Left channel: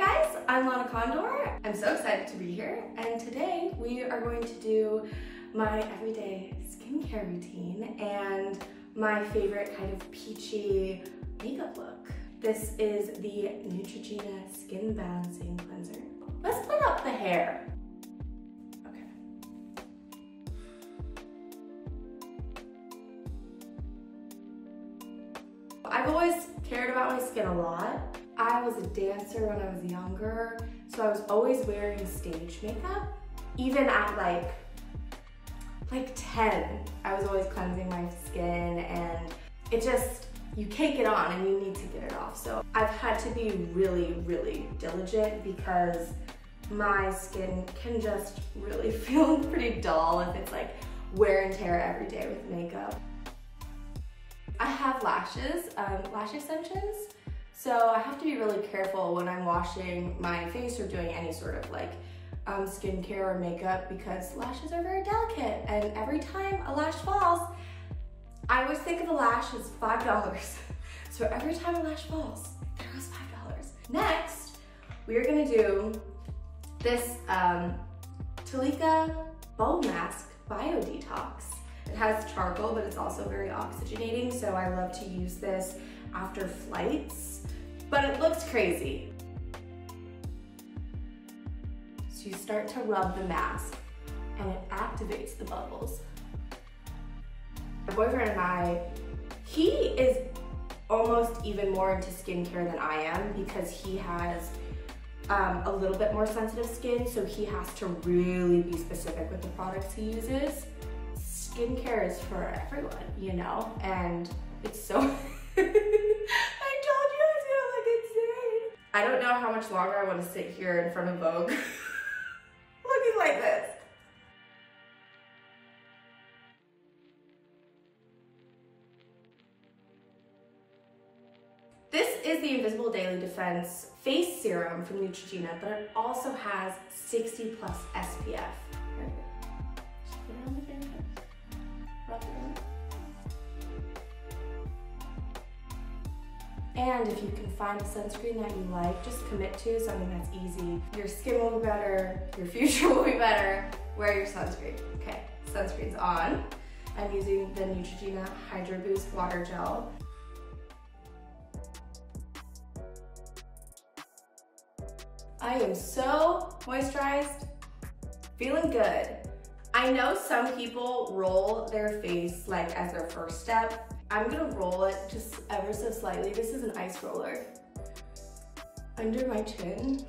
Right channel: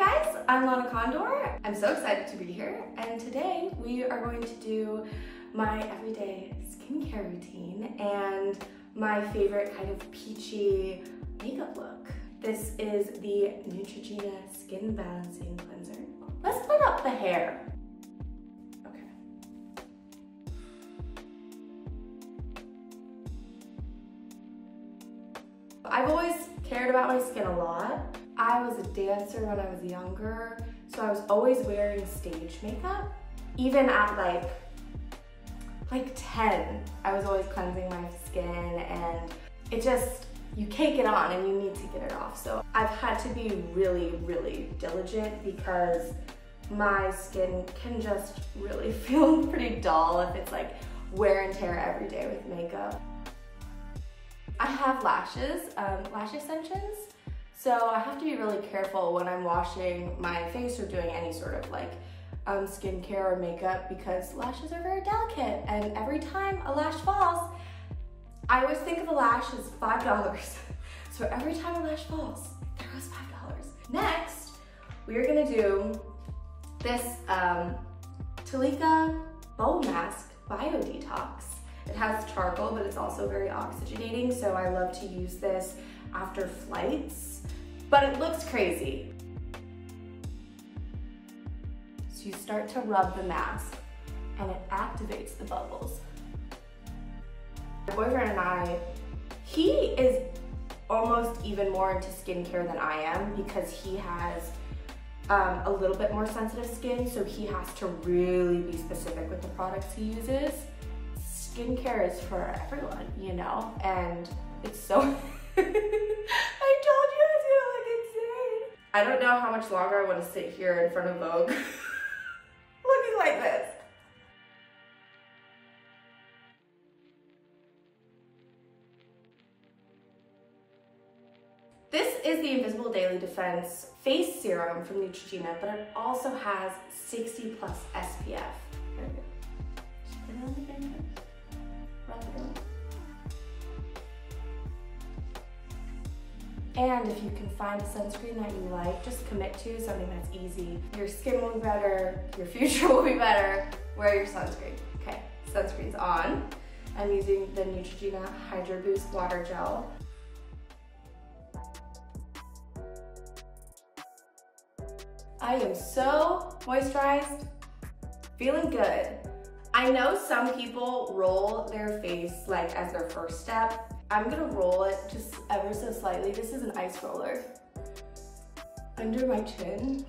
guys, I'm Lana Condor. I'm so excited to be here, and today we are going to do my everyday skincare routine and my favorite kind of peachy makeup look. This is the Neutrogena Skin Balancing Cleanser. Let's put up the hair. Okay. I've always cared about my skin a lot. I was a dancer when I was younger, so I was always wearing stage makeup. Even at like 10, I was always cleansing my skin, and it just, you cake it on and you need to get it off. So I've had to be really, really diligent because my skin can just really feel pretty dull if it's like wear and tear every day with makeup. I have lashes, lash extensions. So I have to be really careful when I'm washing my face or doing any sort of like skincare or makeup because lashes are very delicate, and every time a lash falls, I always think of a lash as $5. So every time a lash falls, there goes $5. Next, we are gonna do this Talika Bow Mask Bio Detox. It has charcoal, but it's also very oxygenating, so I love to use this after flights. But it looks crazy. So you start to rub the mask and it activates the bubbles. My boyfriend and I, he is almost even more into skincare than I am because he has a little bit more sensitive skin, so he has to really be specific with the products he uses. Skincare is for everyone, you know, and it's so, I don't know how much longer I want to sit here in front of Vogue looking like this. This is the Invisible Daily Defense Face Serum from Neutrogena, but it also has 60+ SPF. Here we go. Just put it on again. Rub it on. And if you can find a sunscreen that you like, just commit to something that's easy. Your skin will be better, your future will be better. Wear your sunscreen. Okay, sunscreen's on. I'm using the Neutrogena Hydro Boost Water Gel. I am so moisturized, feeling good. I know some people roll their face like as their first step. I'm gonna roll it just ever so slightly. This is an ice roller. Under my chin.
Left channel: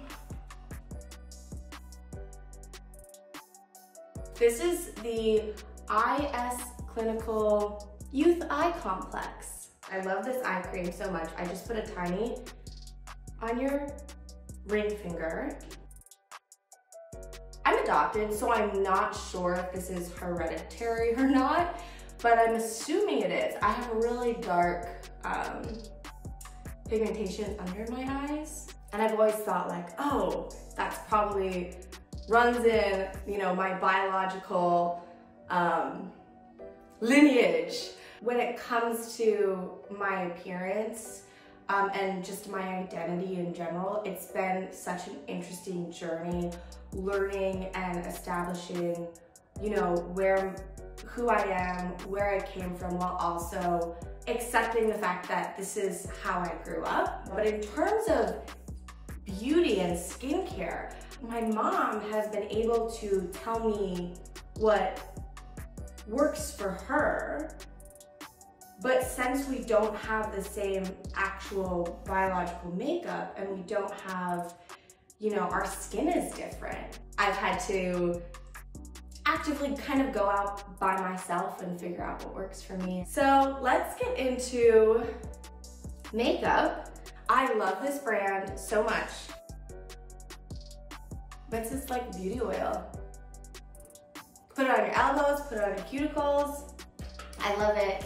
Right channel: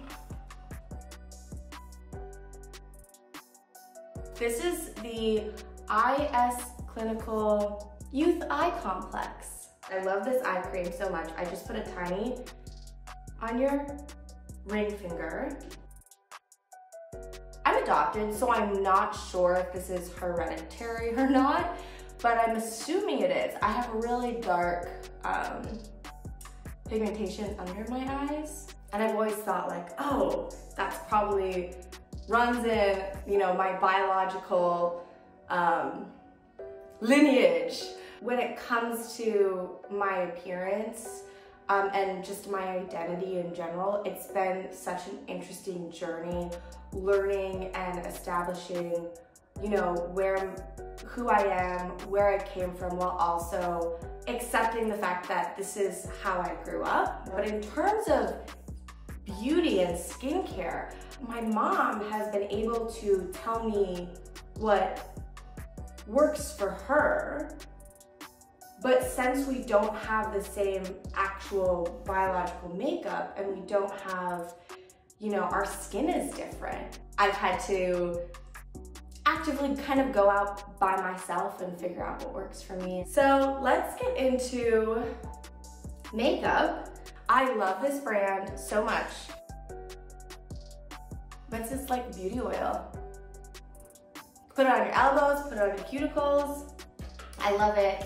This is the IS Clinical Youth Eye Complex. I love this eye cream so much. I just put a tiny on your ring finger. I'm adopted, so I'm not sure if this is hereditary or not, but I'm assuming it is. I have a really dark pigmentation under my eyes, and I've always thought like, oh, that's probably runs in, you know, my biological lineage. When it comes to my appearance and just my identity in general, it's been such an interesting journey learning and establishing, you know, who I am, where I came from, while also accepting the fact that this is how I grew up. But in terms of beauty and skincare, my mom has been able to tell me what works for her. But since we don't have the same actual biological makeup and we don't have, you know, our skin is different, I've had to actively kind of go out by myself and figure out what works for me. So let's get into makeup. I love this brand so much. But it's just like beauty oil. Put it on your elbows, put it on your cuticles. I love it.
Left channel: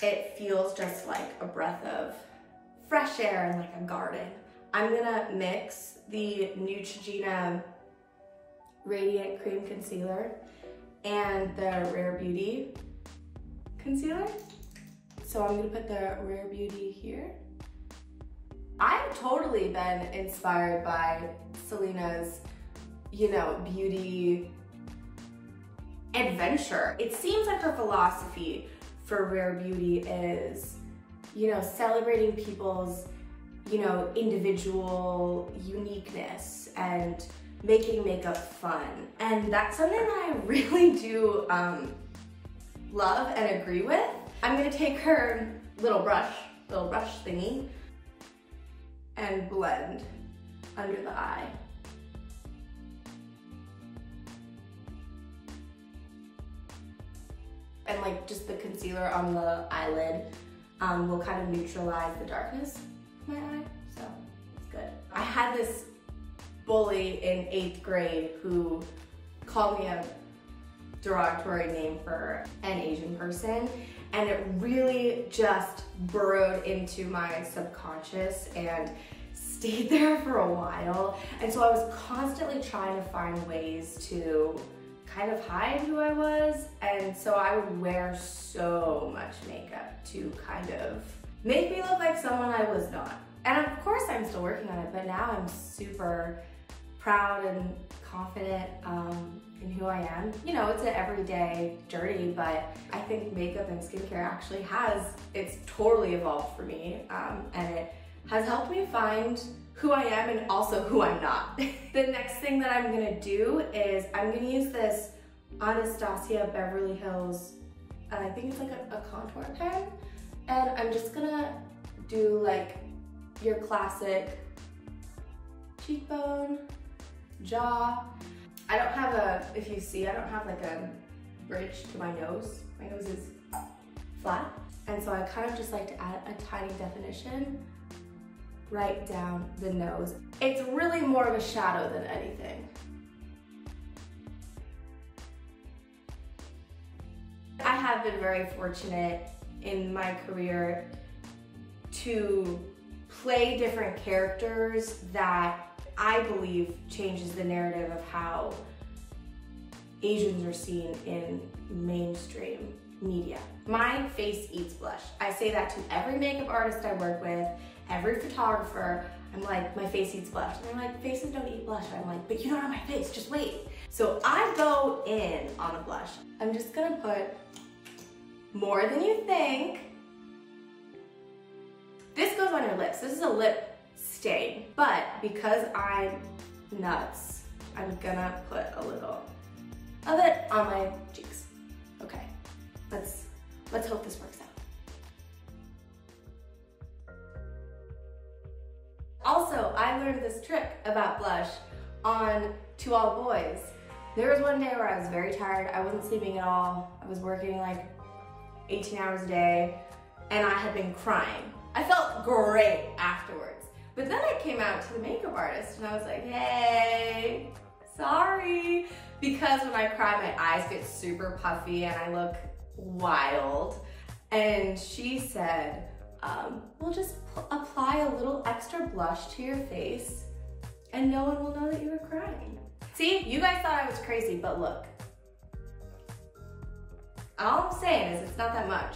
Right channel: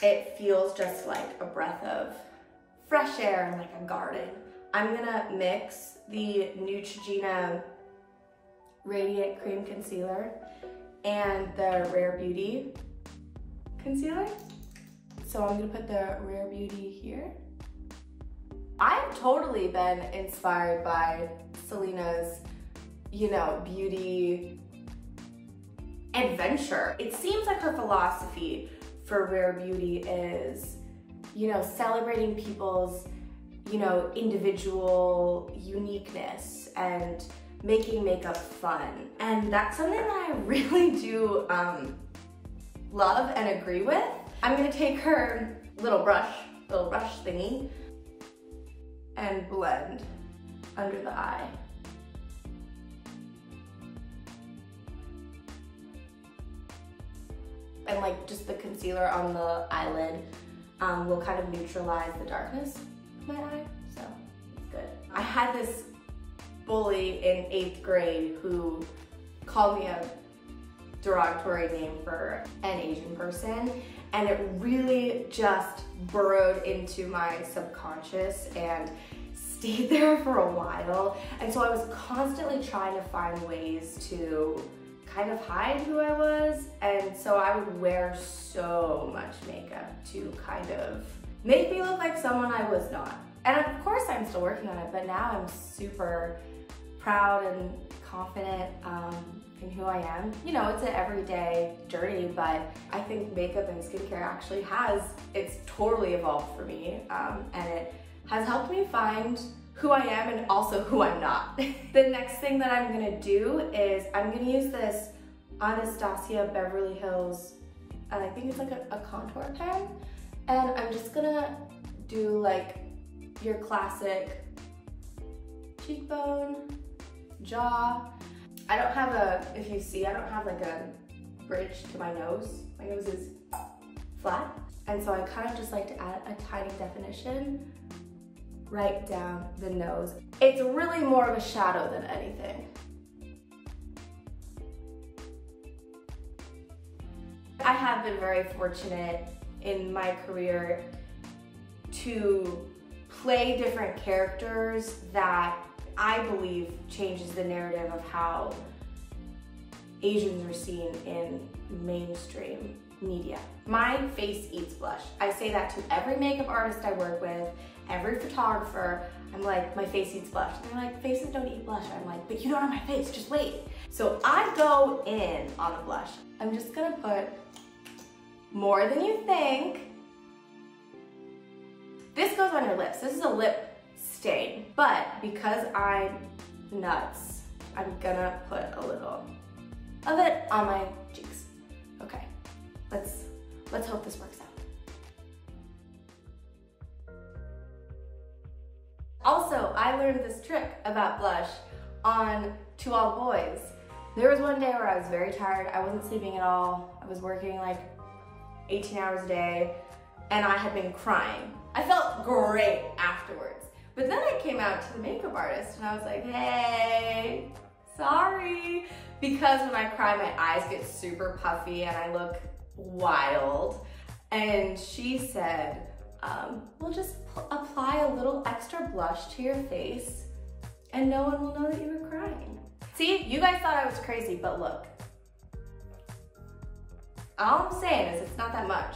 It feels just like a breath of fresh air in like a garden. I'm gonna mix the Neutrogena Radiant Cream Concealer and the Rare Beauty concealer. So I'm gonna put the Rare Beauty here I've totally been inspired by Selena's, you know, beauty adventure. It seems like her philosophy for Rare Beauty is, you know, celebrating people's, you know, individual uniqueness and making makeup fun. And that's something that I really do love and agree with. I'm gonna take her little brush thingy and blend under the eye. And like just the concealer on the eyelid will kind of neutralize the darkness of my eye, so it's good. I had this bully in 8th grade who called me a derogatory name for an Asian person, and it really just burrowed into my subconscious and stayed there for a while. And so I was constantly trying to find ways to kind of hide who I was, and so I would wear so much makeup to kind of make me look like someone I was not. And of course I'm still working on it, but now I'm super proud and confident in who I am. You know, it's an everyday journey, but I think makeup and skincare actually it's totally evolved for me, and it has helped me find who I am and also who I'm not. The next thing that I'm gonna do is I'm gonna use this Anastasia Beverly Hills, I think it's like a contour pen, and I'm just gonna do like your classic cheekbone, jaw. I don't have if you see, I don't have like a bridge to my nose. My nose is flat, and so I kind of just like to add a tiny definition right down the nose. It's really more of a shadow than anything. I have been very fortunate in my career to play different characters that I believe changes the narrative of how Asians are seen in mainstream media. My face eats blush. I say that to every makeup artist I work with, every photographer. I'm like, my face eats blush. And they're like, faces don't eat blush. I'm like, but you don't have my face, just wait. So I go in on a blush. I'm just gonna put more than you think. This goes on your lips. This is a lip stain, but because I'm nuts, I'm gonna put a little of it on my cheeks. Okay, let's hope this works out. Also, I learned this trick about blush on To All the Boys. There was one day where I was very tired. I wasn't sleeping at all. I was working like 18 hours a day, and I had been crying. I felt great afterwards. But then I came out to the makeup artist and I was like, hey, sorry. Because when I cry, my eyes get super puffy and I look wild. And she said, we'll just apply a little extra blush to your face and no one will know that you were crying. See, you guys thought I was crazy, but look. All I'm saying is it's not that much.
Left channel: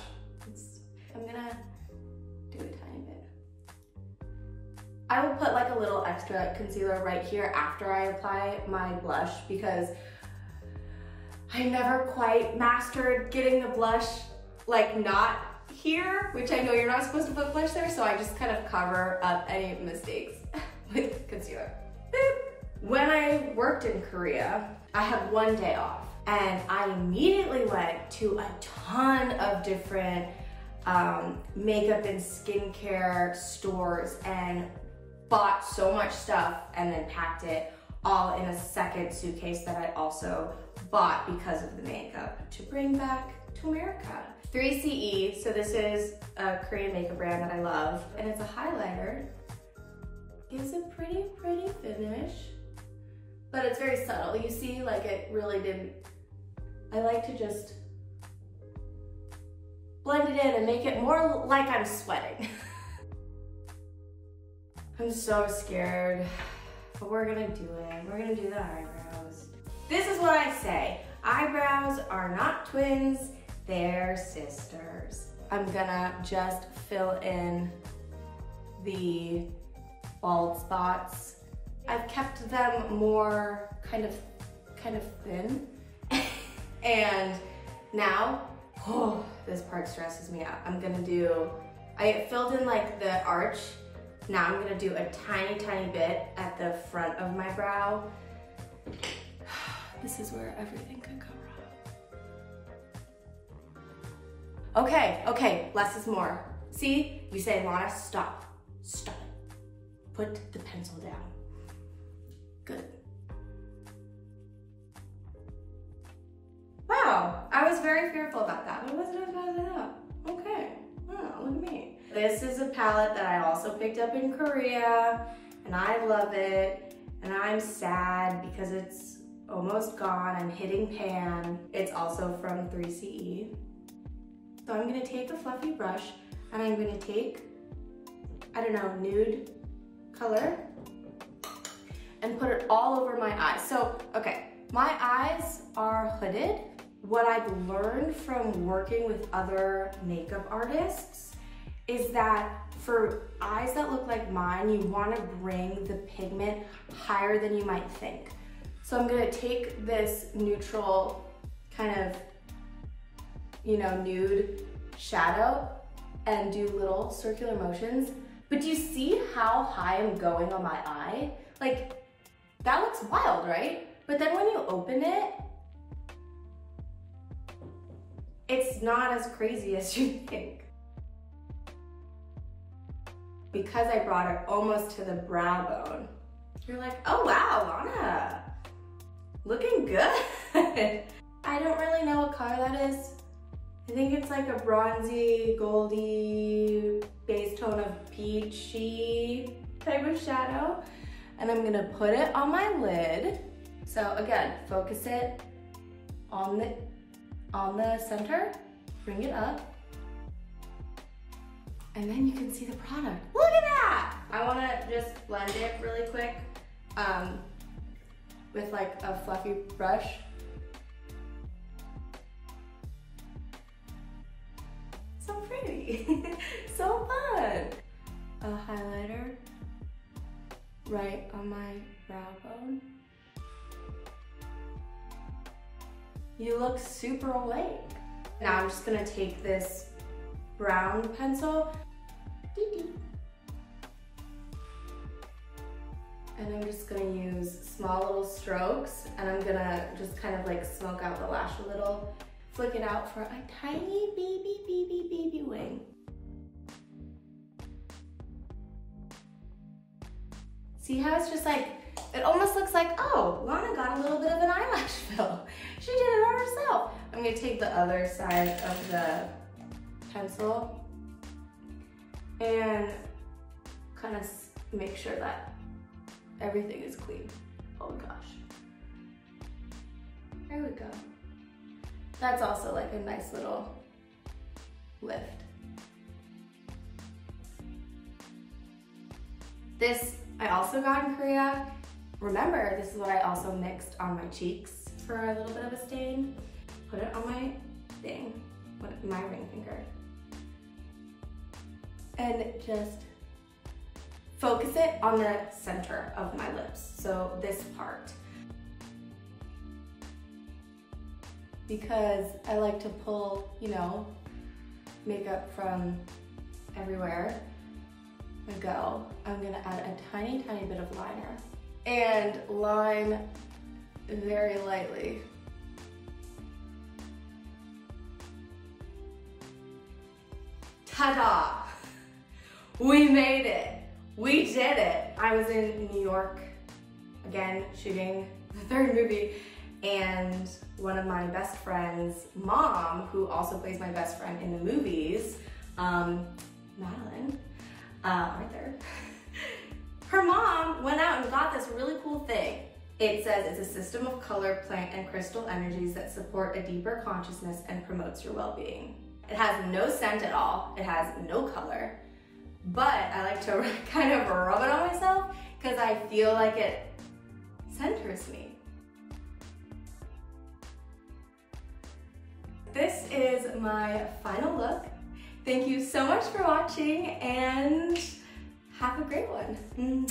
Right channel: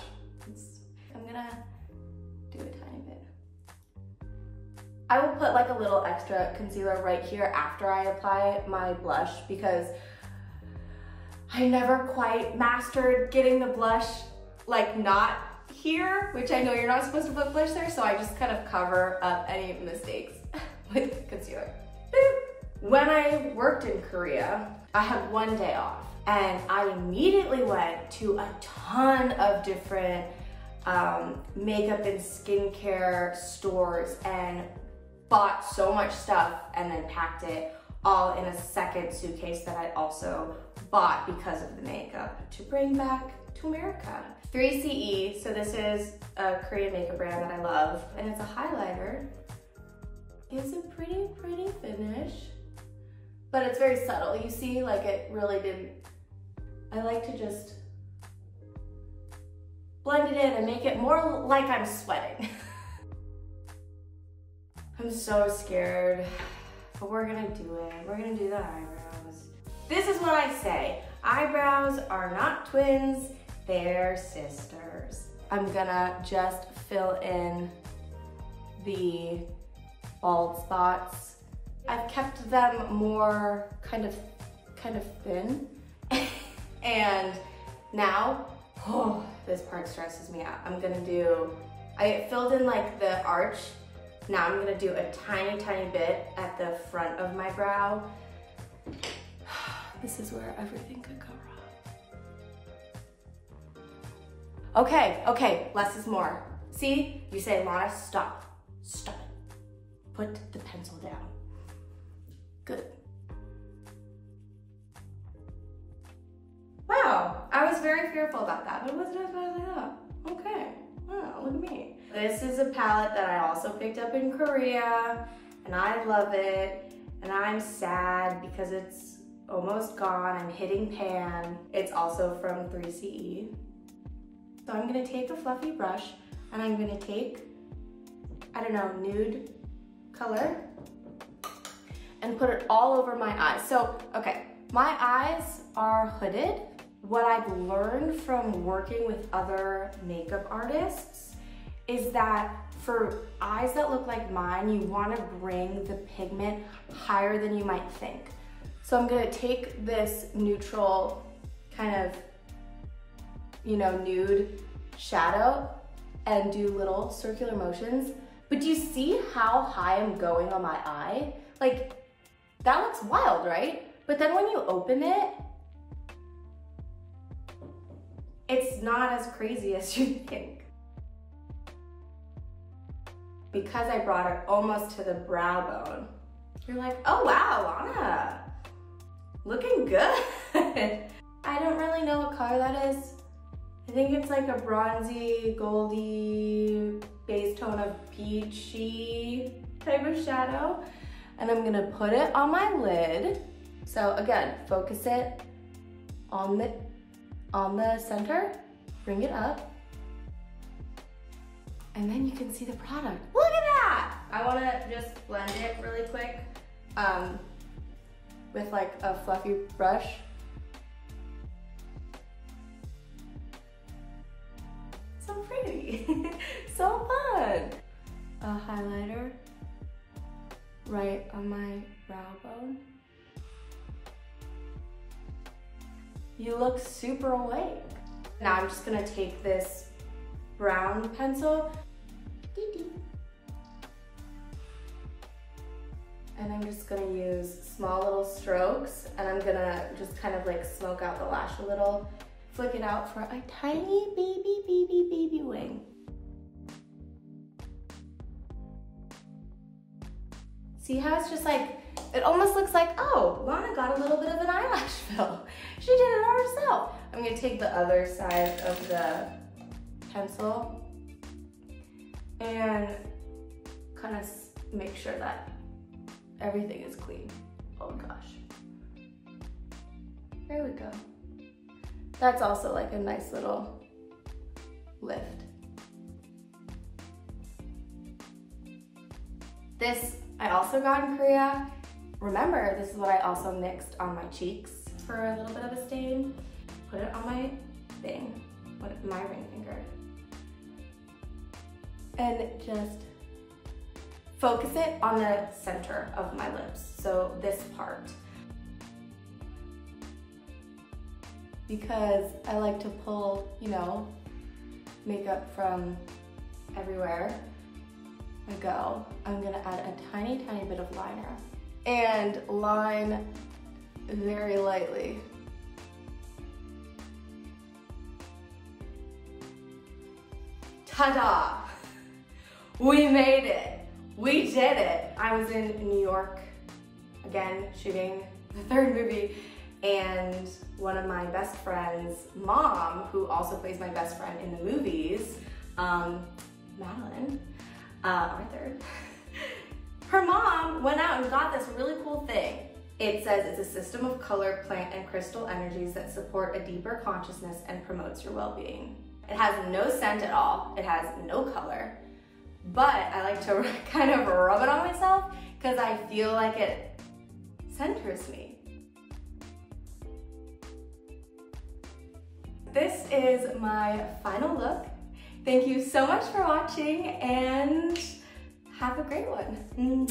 I'm gonna do a tiny bit. I will put like a little extra concealer right here after I apply my blush because I never quite mastered getting the blush like not here, which I know you're not supposed to put blush there, so I just kind of cover up any mistakes with concealer. When I worked in Korea, I had one day off and I immediately went to a ton of different makeup and skincare stores and bought so much stuff and then packed it all in a second suitcase that I also bought because of the makeup to bring back to America. 3CE, so this is a Korean makeup brand that I love, and it's a highlighter. It's a pretty finish, but it's very subtle. You see, like it really didn't, I like to just blend it in and make it more like I'm sweating. I'm so scared, but we're gonna do it. We're gonna do the eyebrows. This is what I say. Eyebrows are not twins, they're sisters. I'm gonna just fill in the bald spots. I've kept them more kind of thin. And now, oh, this part stresses me out. I filled in like the arch. Now I'm gonna do a tiny, tiny bit at the front of my brow. This is where everything could go wrong. Okay, less is more. See, you say, Lana, stop it. Put the pencil down. Good. Wow, I was very fearful about that, but it wasn't as bad as I thought. Okay, wow, look at me. This is a palette that I also picked up in Korea, and I love it, and I'm sad because it's almost gone. I'm hitting pan. It's also from 3CE. So I'm gonna take a fluffy brush, and I'm gonna take, I don't know, nude color, and put it all over my eyes. So, okay, my eyes are hooded. What I've learned from working with other makeup artists is that for eyes that look like mine, you want to bring the pigment higher than you might think. So I'm going to take this neutral kind of, you know, nude shadow and do little circular motions. But do you see how high I'm going on my eye? Like, that looks wild, right? But then when you open it, it's not as crazy as you think. Because I brought it almost to the brow bone, you're like, oh wow, Lana, looking good. I don't really know what color that is. I think it's like a bronzy, goldy, base tone of peachy type of shadow. And I'm gonna put it on my lid. So again, focus it on the center, bring it up, and then you can see the product. Look at that! I wanna just blend it really quick with like a fluffy brush. So pretty, so fun. A highlighter right on my brow bone. You look super awake. Now I'm just gonna take this brown pencil and I'm just gonna use small little strokes, and I'm gonna just kind of like smoke out the lash a little, flick it out for a tiny baby wing. See how it's just like, it almost looks like, oh, Lana got a little bit of an eyelash fill. She did it all herself. I'm gonna take the other side of the pencil and kind of make sure that everything is clean. Oh gosh. There we go. That's also like a nice little lift. This I also got in Korea. Remember, this is what I also mixed on my cheeks for a little bit of a stain. Put it on my thing, my ring finger. And just focus it on the center of my lips, so this part. Because I like to pull, you know, makeup from everywhere I go. I'm gonna add a tiny, tiny bit of liner and line very lightly. Ta-da! We made it. We did it. I was in New York, again, shooting the third movie, and one of my best friend's mom, who also plays my best friend in the movies, Madeline, Arthur, her mom went out and got this really cool thing. It says it's a system of color, plant, and crystal energies that support a deeper consciousness and promotes your well-being. It has no scent at all. It has no color, but I like to kind of rub it on myself because I feel like it centers me. This is my final look. Thank you so much for watching, and Have a great one.